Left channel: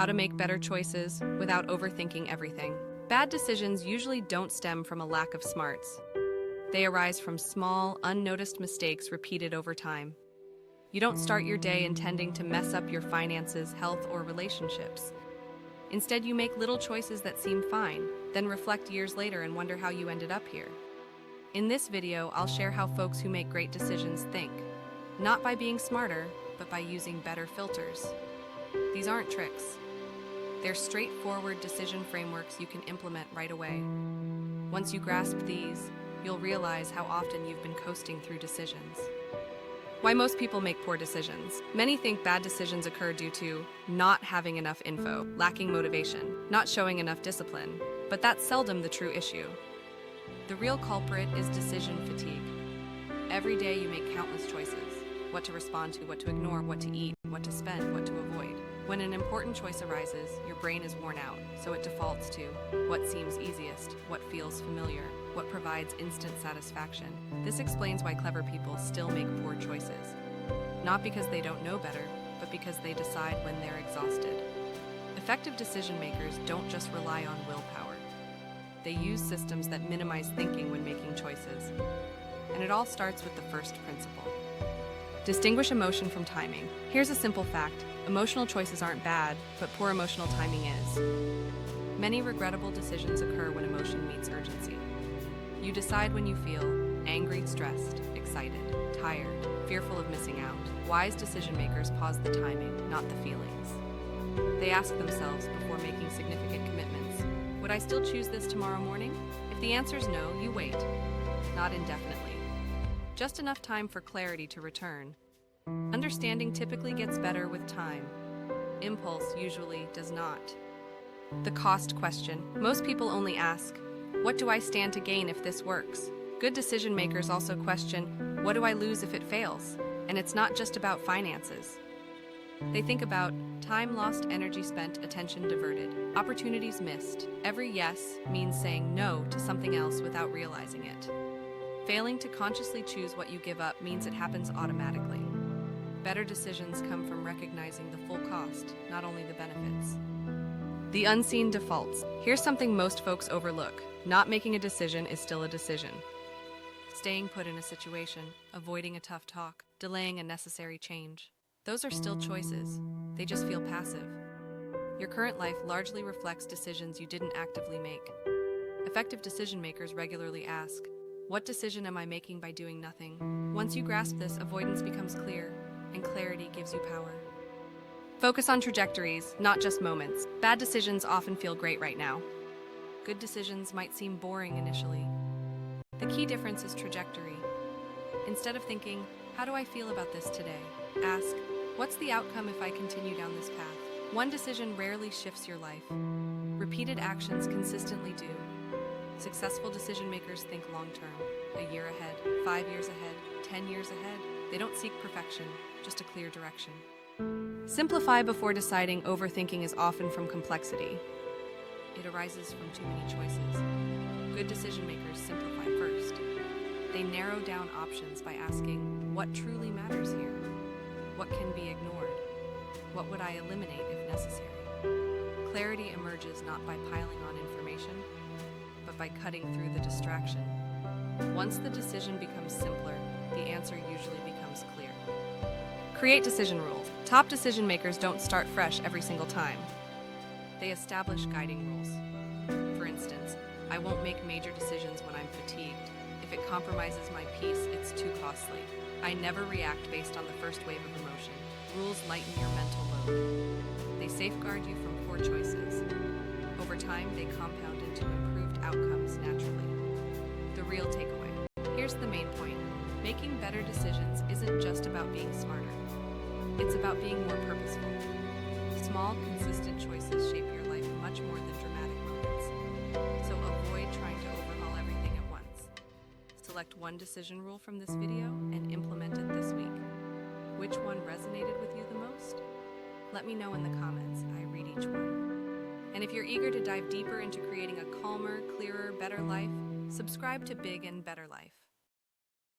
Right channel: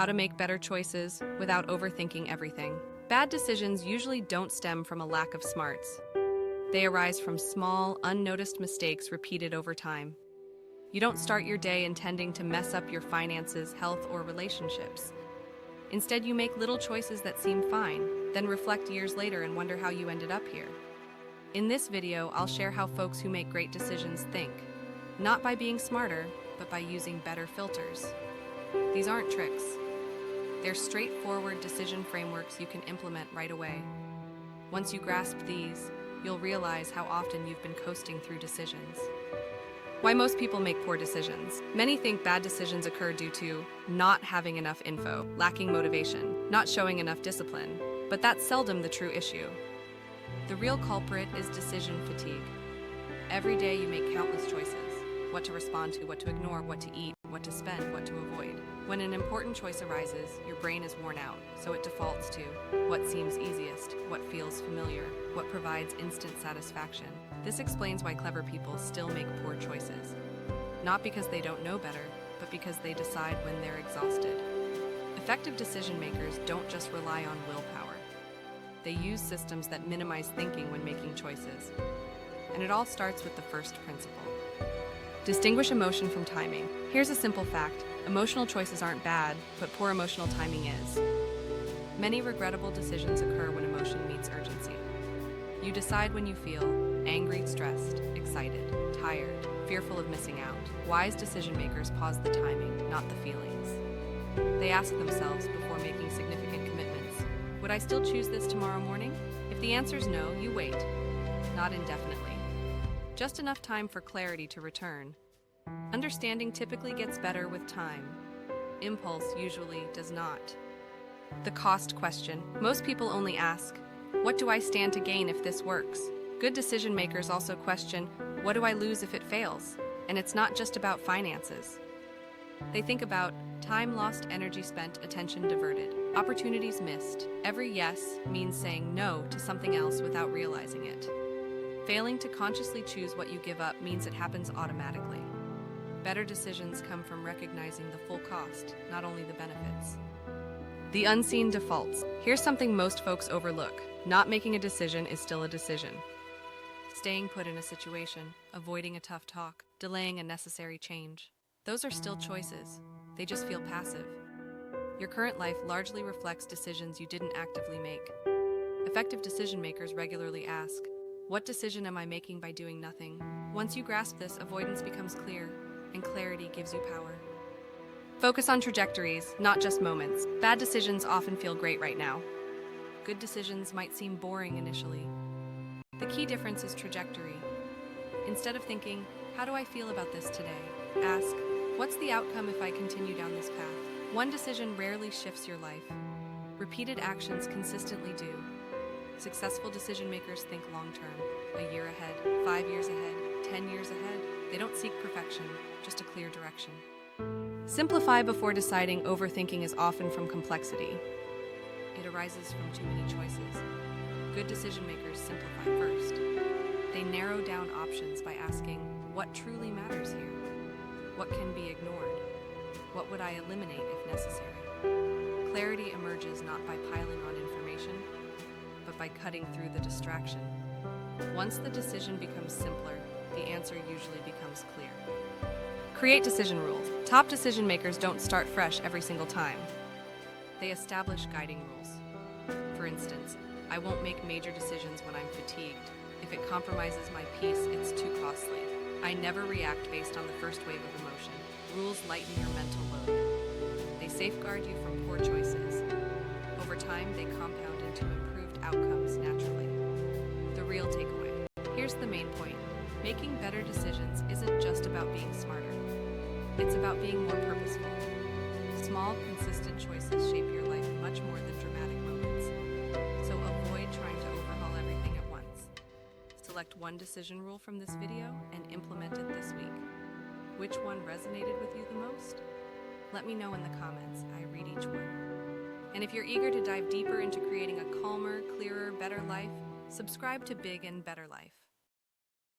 how to make better choices without overthinking everything. Bad decisions usually don't stem from a lack of smarts. They arise from small, unnoticed mistakes repeated over time. You don't start your day intending to mess up your finances, health, or relationships. Instead, you make little choices that seem fine, then reflect years later and wonder how you ended up here. In this video, I'll share how folks who make great decisions think, not by being smarter, but by using better filters. These aren't tricks. They're straightforward decision frameworks you can implement right away. Once you grasp these, you'll realize how often you've been coasting through decisions. Why most people make poor decisions. Many think bad decisions occur due to not having enough info, lacking motivation, not showing enough discipline, but that's seldom the true issue. The real culprit is decision fatigue. Every day you make countless choices. What to respond to, what to ignore, what to eat, what to spend, what to avoid. When an important choice arises, your brain is worn out, so it defaults to what seems easiest, what feels familiar, what provides instant satisfaction. This explains why clever people still make poor choices. Not because they don't know better, but because they decide when they're exhausted. Effective decision makers don't just rely on willpower. They use systems that minimize thinking when making choices. And it all starts with the first principle. Distinguish emotion from timing. Here's a simple fact. Emotional choices aren't bad, but poor emotional timing is. Many regrettable decisions occur when emotion meets urgency. You decide when you feel angry, stressed, excited, tired, fearful of missing out. Wise decision makers pause the timing, not the feelings. They ask themselves before making significant commitments, would I still choose this tomorrow morning? If the answer's no, you wait. Not indefinitely. Just enough time for clarity to return. Understanding typically gets better with time. Impulse usually does not. The cost question. Most people only ask, what do I stand to gain if this works? Good decision makers also question, what do I lose if it fails? And it's not just about finances. They think about time lost, energy spent, attention diverted, opportunities missed. Every yes means saying no to something else without realizing it. Failing to consciously choose what you give up means it happens automatically. Better decisions come from recognizing the full cost, not only the benefits. The unseen defaults. Here's something most folks overlook. Not making a decision is still a decision. Staying put in a situation, avoiding a tough talk, delaying a necessary change. Those are still choices. They just feel passive. Your current life largely reflects decisions you didn't actively make. Effective decision makers regularly ask, what decision am I making by doing nothing? Once you grasp this, avoidance becomes clear, and clarity gives you power. Focus on trajectories, not just moments. Bad decisions often feel great right now. Good decisions might seem boring initially. The key difference is trajectory. Instead of thinking, how do I feel about this today? Ask, what's the outcome if I continue down this path? One decision rarely shifts your life. Repeated actions consistently do. Successful decision makers think long-term, a year ahead, 5 years ahead, 10 years ahead. They don't seek perfection, just a clear direction. Simplify before deciding. Overthinking is often from complexity. It arises from too many choices. Good decision makers simplify first. They narrow down options by asking, what truly matters here? What can be ignored? What would I eliminate if necessary? Clarity emerges not by piling on information, but by cutting through the distraction. Once the decision becomes simpler, the answer usually becomes clear. Create decision rules. Top decision makers don't start fresh every single time. They establish guiding rules. For instance, I won't make major decisions when I'm fatigued. If it compromises my peace, it's too costly. I never react based on the first wave of emotion. Rules lighten your mental load. They safeguard you from poor choices. Over time, they compound into improved outcomes naturally. The real takeaway. Here's the main point. Making better decisions isn't just about being smarter. It's about being more purposeful. Small, consistent choices shape your life much more than dramatic moments. So avoid trying to overhaul everything at once. Select one decision rule from this video and implement it this week. Which one resonated with you the most? Let me know in the comments. I read each one. And if you're eager to dive deeper into creating a calmer, clearer, better life, subscribe to Big and Better Life.